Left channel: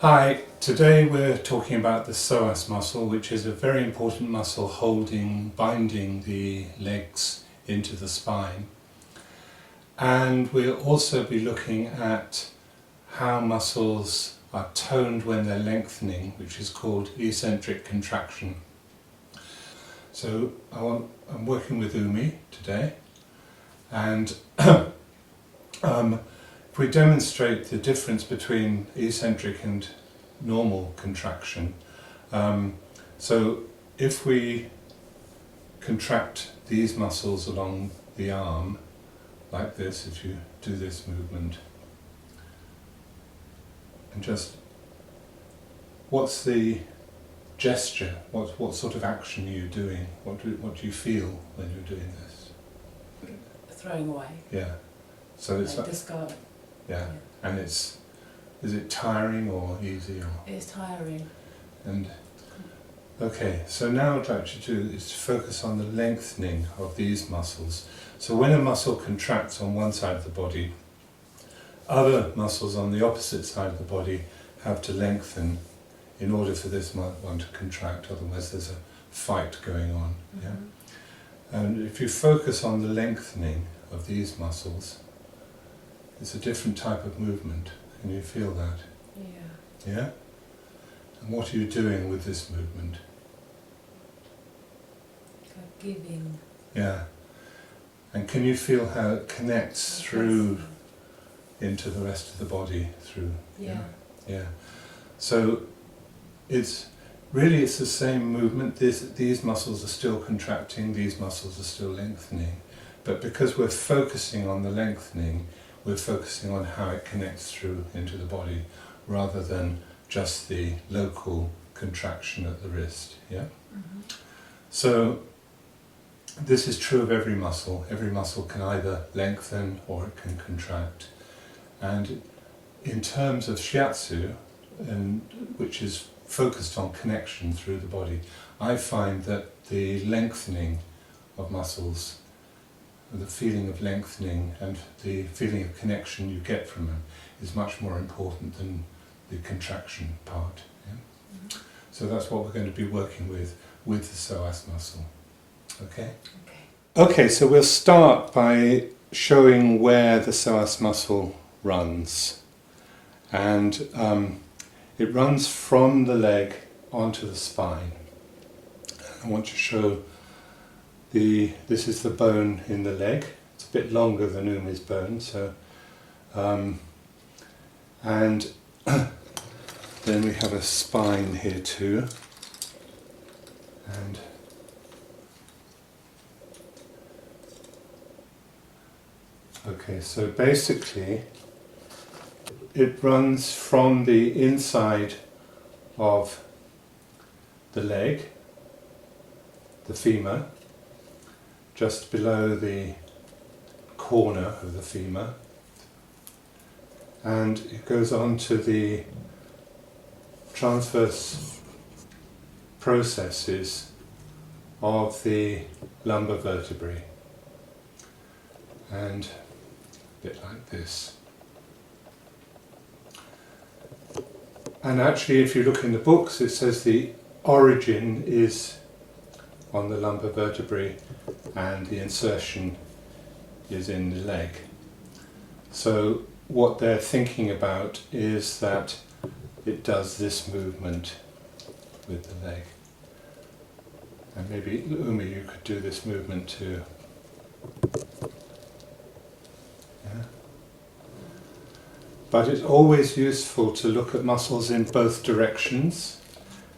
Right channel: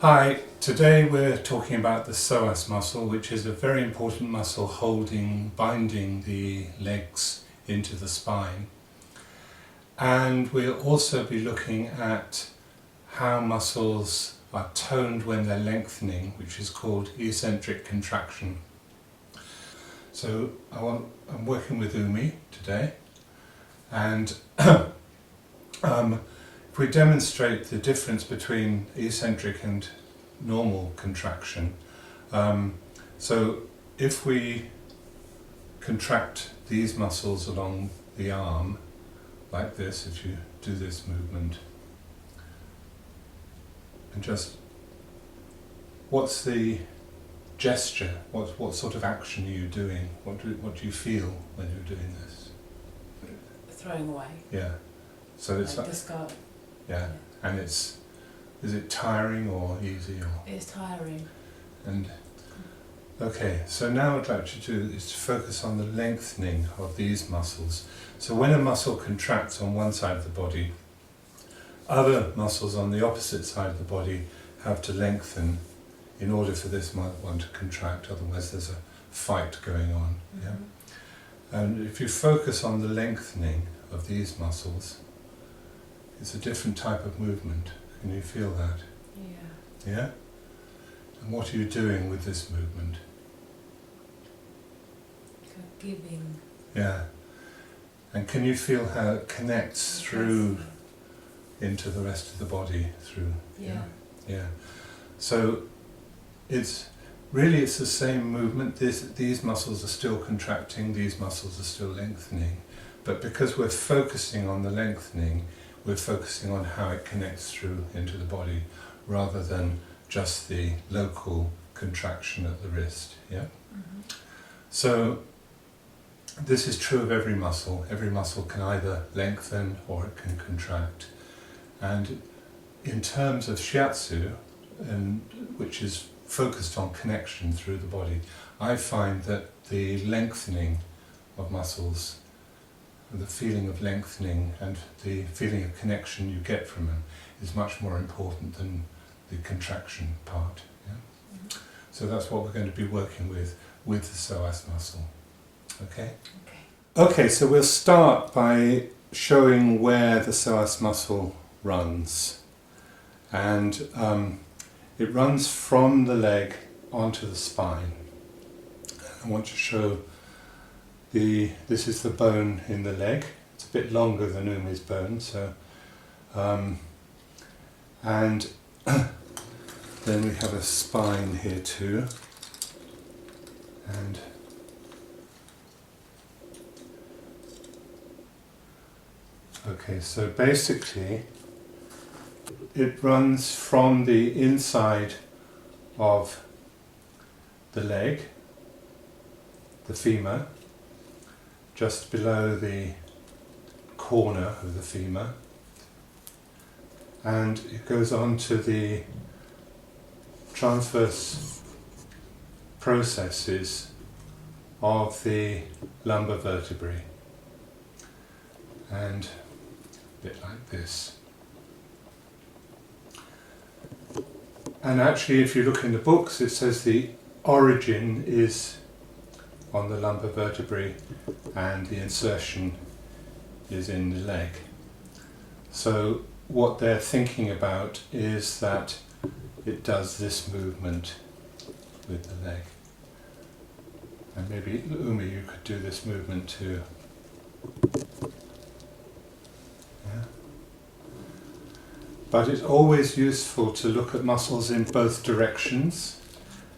Hi, today we're talking about the psoas muscle, which is a very important muscle binding the legs into the spine. And we'll also be looking at how muscles are toned when they're lengthening, which is called eccentric contraction. So I'm working with Umi today, and if we demonstrate the difference between eccentric and normal contraction, so if we contract these muscles along the arm, like this, if you do this movement, and just, what's the gesture? What sort of action are you doing? What do you feel when you're doing this? Throwing away. Yeah. So it's like discard. Yeah. And is it tiring or easy or? It's tiring. And okay, so now what I'd like you to do is to focus on the lengthening of these muscles. So when a muscle contracts on one side of the body, other muscles on the opposite side of the body have to lengthen in order for this one to contract, otherwise there's a fight going on. Mm-hmm. Yeah? And if you focus on the lengthening of these muscles, it's a different type of movement. Can you feel that? Yeah. Yeah? And what are you doing with this movement? Like giving. Yeah. And can you feel how it connects through into the rest of the body? Yeah. Yeah. So it's the same movement. These muscles are still contracting, these muscles are still lengthening. But because we're focusing on the lengthening, we're focusing on how it connects through into the body rather than just the local contraction at the wrist. Yeah? Mm-hmm. So this is true of every muscle. Every muscle can either lengthen or it can contract. And in terms of shiatsu, which is focused on connection through the body, I find that the lengthening of muscles, the feeling of lengthening and the feeling of connection you get from them is much more important than the contraction part. Yeah? Mm-hmm. So that's what we're going to be working with the psoas muscle. Okay? Okay, so we'll start by showing where the psoas muscle runs. And it runs from the leg onto the spine. I want to show this is the bone in the leg. It's a bit longer than Umi's bone, so and then we have a spine here too, and okay, so basically it runs from the inside of the leg, the femur, just below the corner of the femur, and it goes on to the transverse processes of the lumbar vertebrae, and a bit like this. And actually, if you look in the books, it says the origin is on the lumbar vertebrae and the insertion is in the leg. So what they're thinking about is that it does this movement with the leg. And maybe, Umi, you could do this movement too. Yeah? But it's always useful to look at muscles in both directions,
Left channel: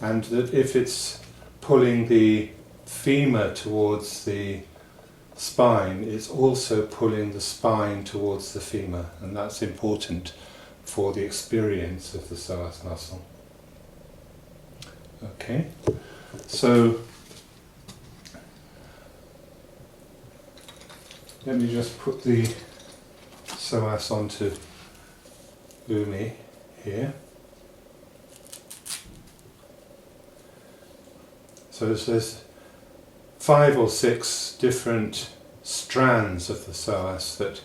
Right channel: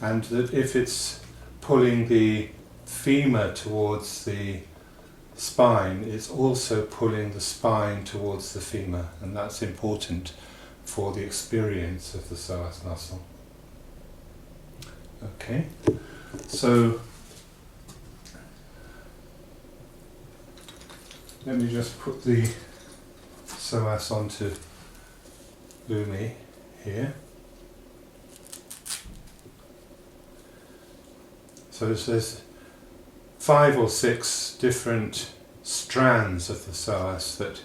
and that if it's pulling the femur towards the spine, it's also pulling the spine towards the femur, and that's important for the experience of the psoas muscle. Okay, so let me just put the psoas onto Umi here. So there's 5 or 6 different strands of the psoas that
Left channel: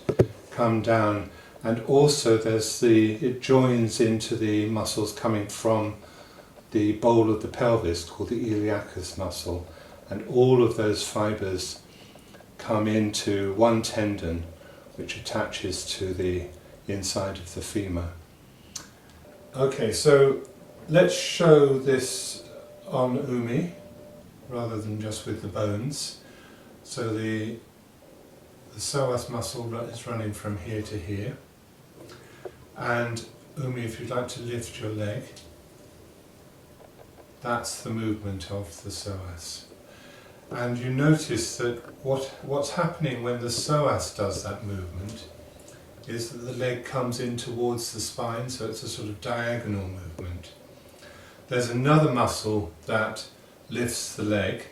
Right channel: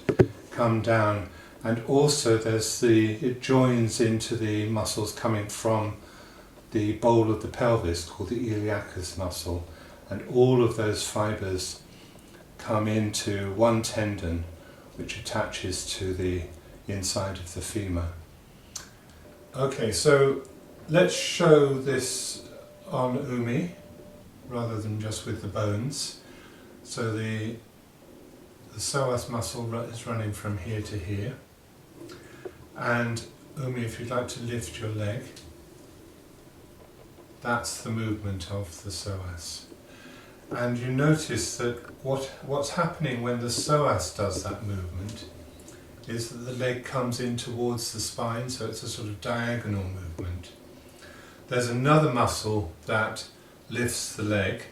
come down And also it joins into the muscles coming from the bowl of the pelvis called the iliacus muscle, and all of those fibres come into one tendon which attaches to the inside of the femur. Okay, so let's show this on Umi rather than just with the bones. So the psoas muscle is running from here to here. And Umi, if you'd like to lift your leg, that's the movement of the psoas. And you notice that what's happening when the psoas does that movement is that the leg comes in towards the spine, so it's a sort of diagonal movement. There's another muscle that lifts the leg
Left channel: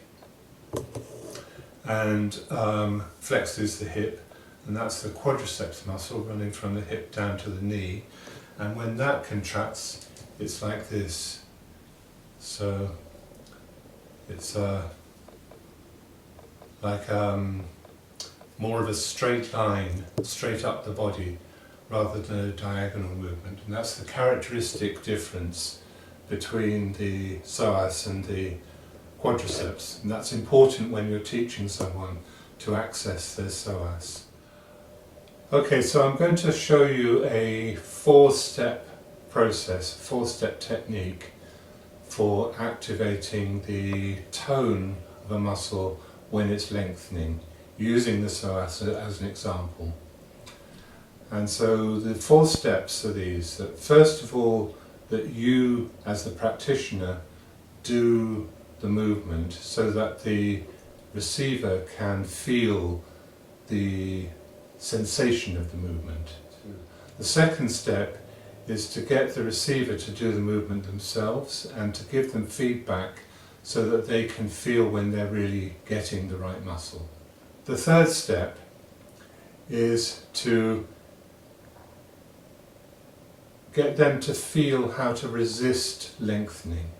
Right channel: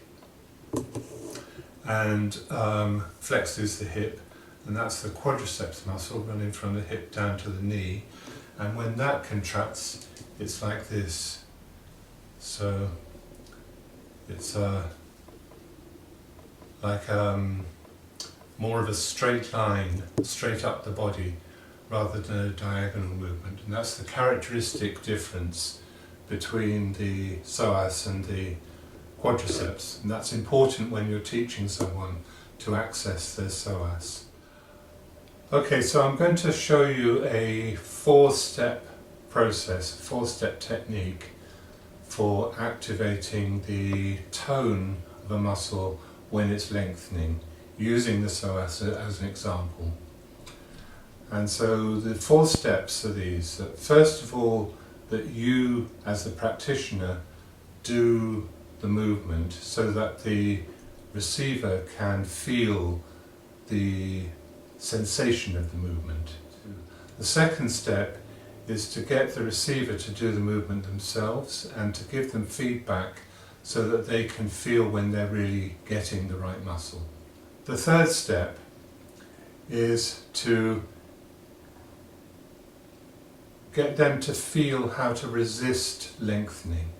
and flexes the hip, and that's the quadriceps muscle running from the hip down to the knee. And when that contracts, it's like this. So it's like more of a straight line, straight up the body, rather than a diagonal movement. And that's the characteristic difference between the psoas and the quadriceps. And that's important when you're teaching someone to access their psoas. Okay, so I'm going to show you a 4-step process, 4-step technique for activating the tone of a muscle when it's lengthening, using the psoas as an example. And so the 4 steps are these: that first of all, that you as the practitioner do the movement so that the receiver can feel the sensation of the movement. The second step is to get the receiver to do the movement themselves and to give them feedback so that they can feel when they're really getting the right muscle. The third step is to get them to feel how to resist lengthening.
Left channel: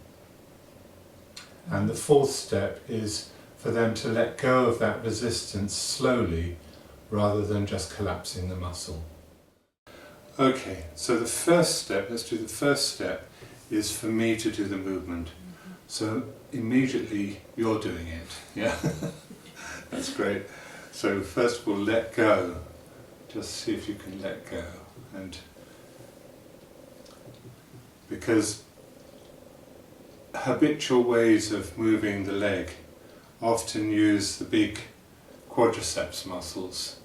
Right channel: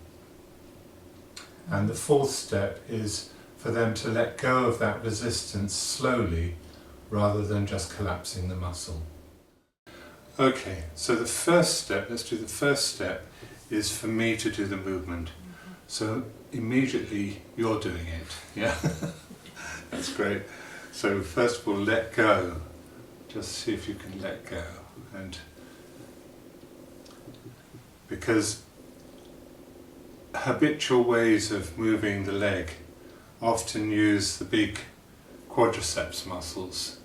And the fourth step is for them to let go of that resistance slowly rather than just collapsing the muscle. Okay, so the first step, let's do the first step, is for me to do the movement. So immediately you're doing it, yeah? That's great. So first of all, let go. Just see if you can let go. And because habitual ways of moving the leg often use the big quadriceps muscles.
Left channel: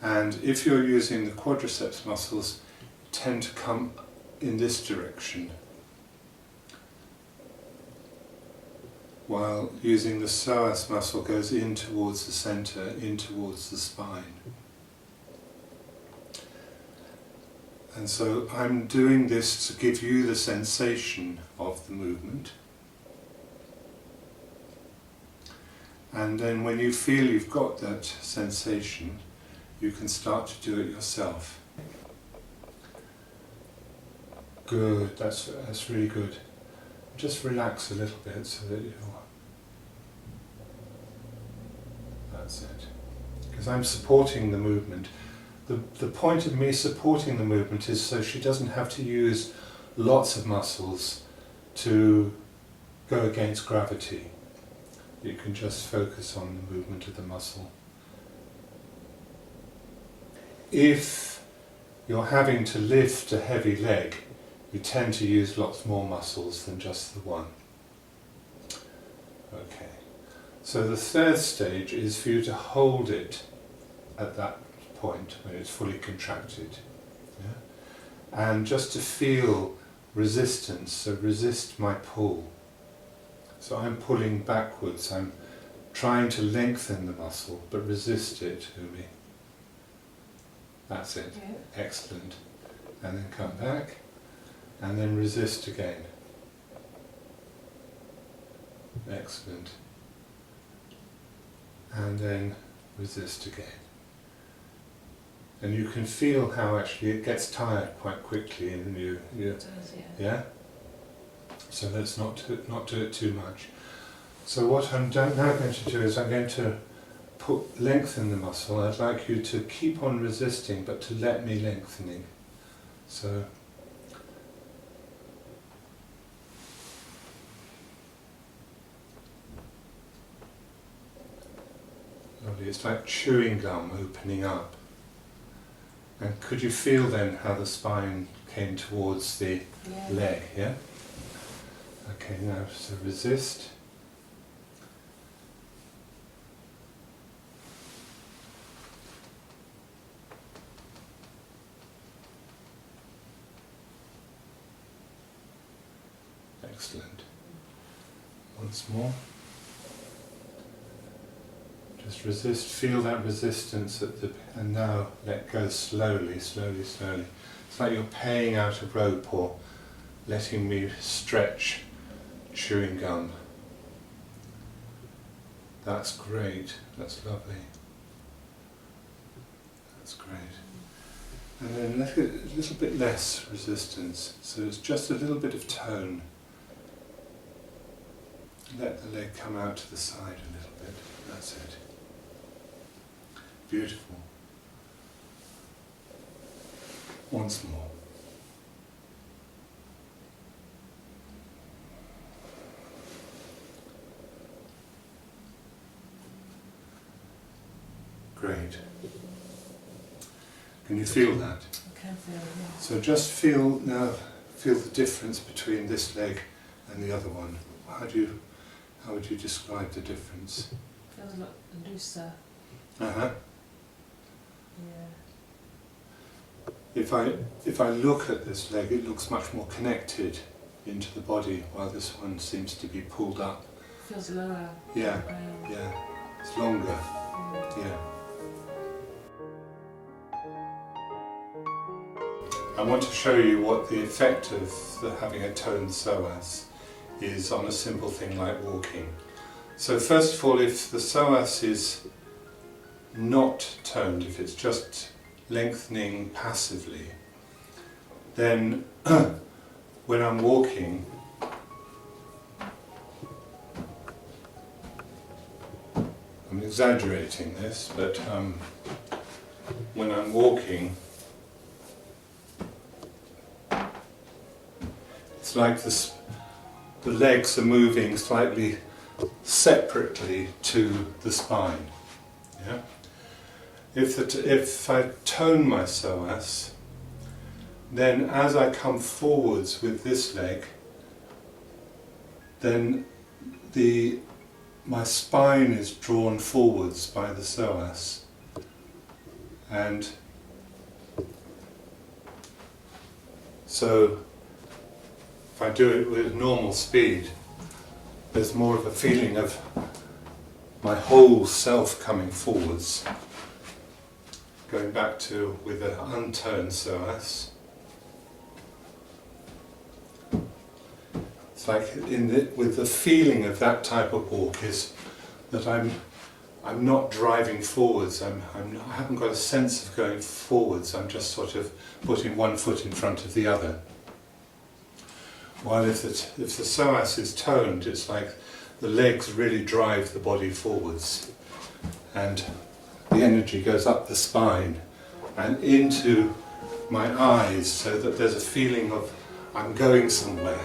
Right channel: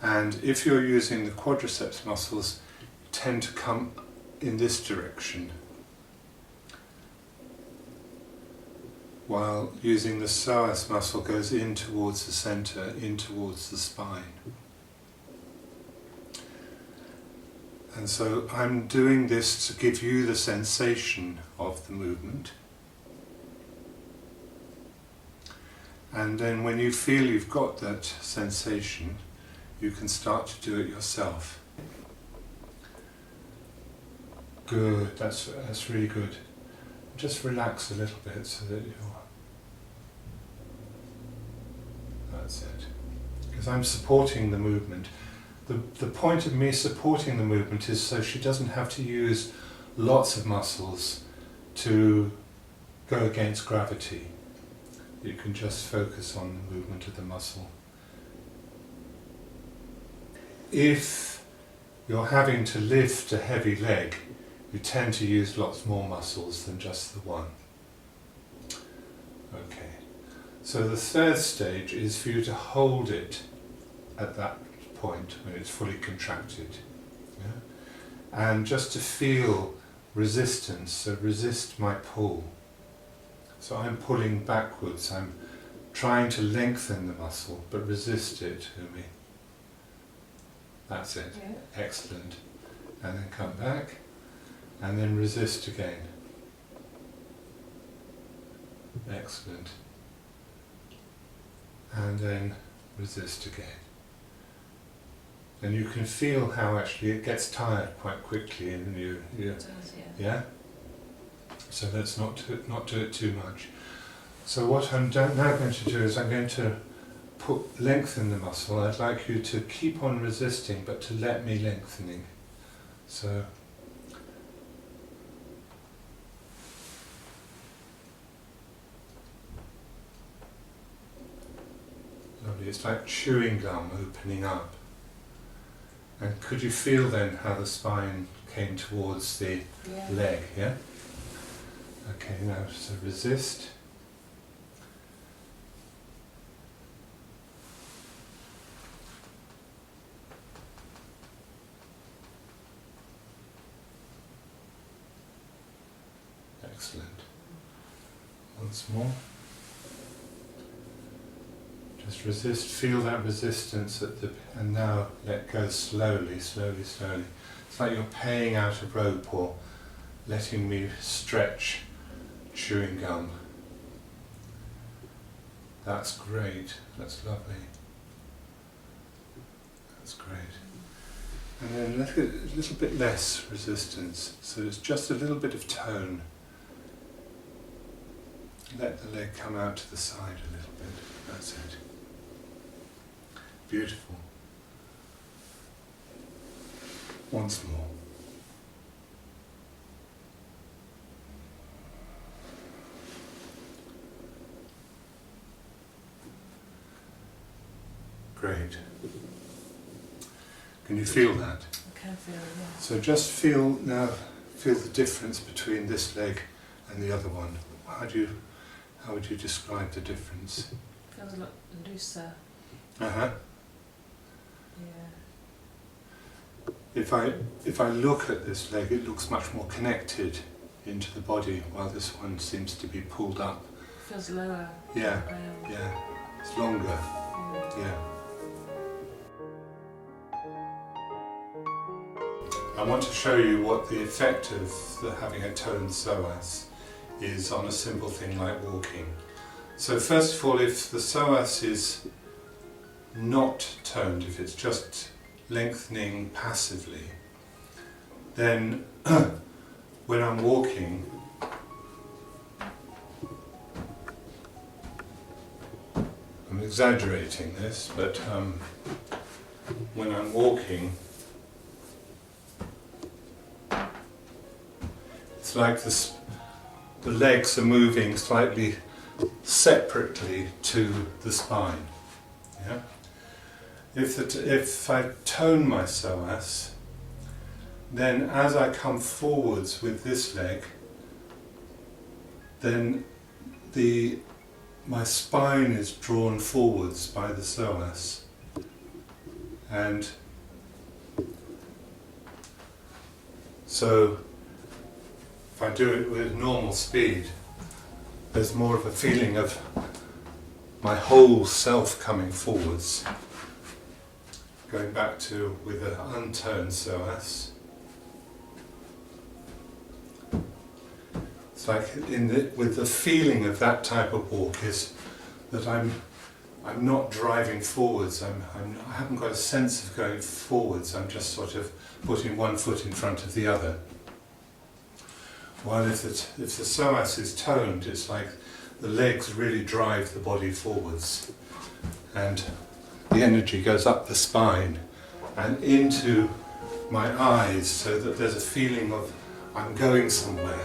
And if you're using the quadriceps muscles, you tend to come in this direction, while using the psoas muscle goes in towards the centre, in towards the spine. And so I'm doing this to give you the sensation of the movement. And then when you feel you've got that sensation, you can start to do it yourself. Good, that's really good. Just relax a little bit so that that's it. Because I'm supporting the movement. The point of me supporting the movement is so she doesn't have to use lots of muscles to go against gravity. You can just focus on the movement of the muscle. If you're having to lift a heavy leg, you tend to use lots more muscles than just the one. Okay, so the third stage is for you to hold it at that point when it's fully contracted. Yeah? And just to feel resistance, so resist my pull. So I'm pulling backwards, I'm trying to lengthen the muscle, but resist it, Umi. That's it. Yeah. Excellent. And then come back, and then resist again. Excellent. And then resist again. And you can feel how actually it gets tired quite quickly, and you it does, yeah? So let's not do it too much. So what I'm now going to do is I'm going to lengthen the muscle, I'd like you to keep on resisting, but to let me lengthening. So, lovely. It's like chewing gum opening up. And could you feel then how the spine came towards the leg, yeah? Okay, now so resist. Excellent. Once more. Just resist, feel that resistance at the, and now let go slowly, slowly, slowly. It's like you're paying out a rope or letting me stretch chewing gum. That's great, that's lovely. That's great. And then let's get a little bit less resistance, so it's just a little bit of tone. Let the leg come out to the side a little bit, that's it. Beautiful. Once more. Great. Can you feel that? I can feel it, yeah. So just feel now, feel the difference between this leg and the other one. How would you describe the difference? Feels a lot looser. Uh-huh. Yeah. If I look at this leg, it looks much more connected into the body, while this one seems to be pulled up. Feels lower. Yeah, Around. yeah. It's longer. Yeah. I want to show you what the effect of having a toned psoas is on a simple thing like walking. So first of all, if the psoas is not toned, if it's just lengthening passively, then when I'm walking, I'm exaggerating this, but when I'm walking, it's like the legs are moving slightly separately to the spine. Yeah? If I tone my psoas, then as I come forwards with this leg, then my spine is drawn forwards by the psoas, and so if I do it with normal speed, there's more of a feeling of my whole self coming forwards. Going back to with an untoned psoas. It's like with the feeling of that type of walk is that I'm not driving forwards. I haven't got a sense of going forwards. I'm just sort of putting one foot in front of the other. While if the psoas is toned, it's like the legs really drive the body forwards, and the energy goes up the spine and into my eyes, so that there's a feeling of I'm going somewhere.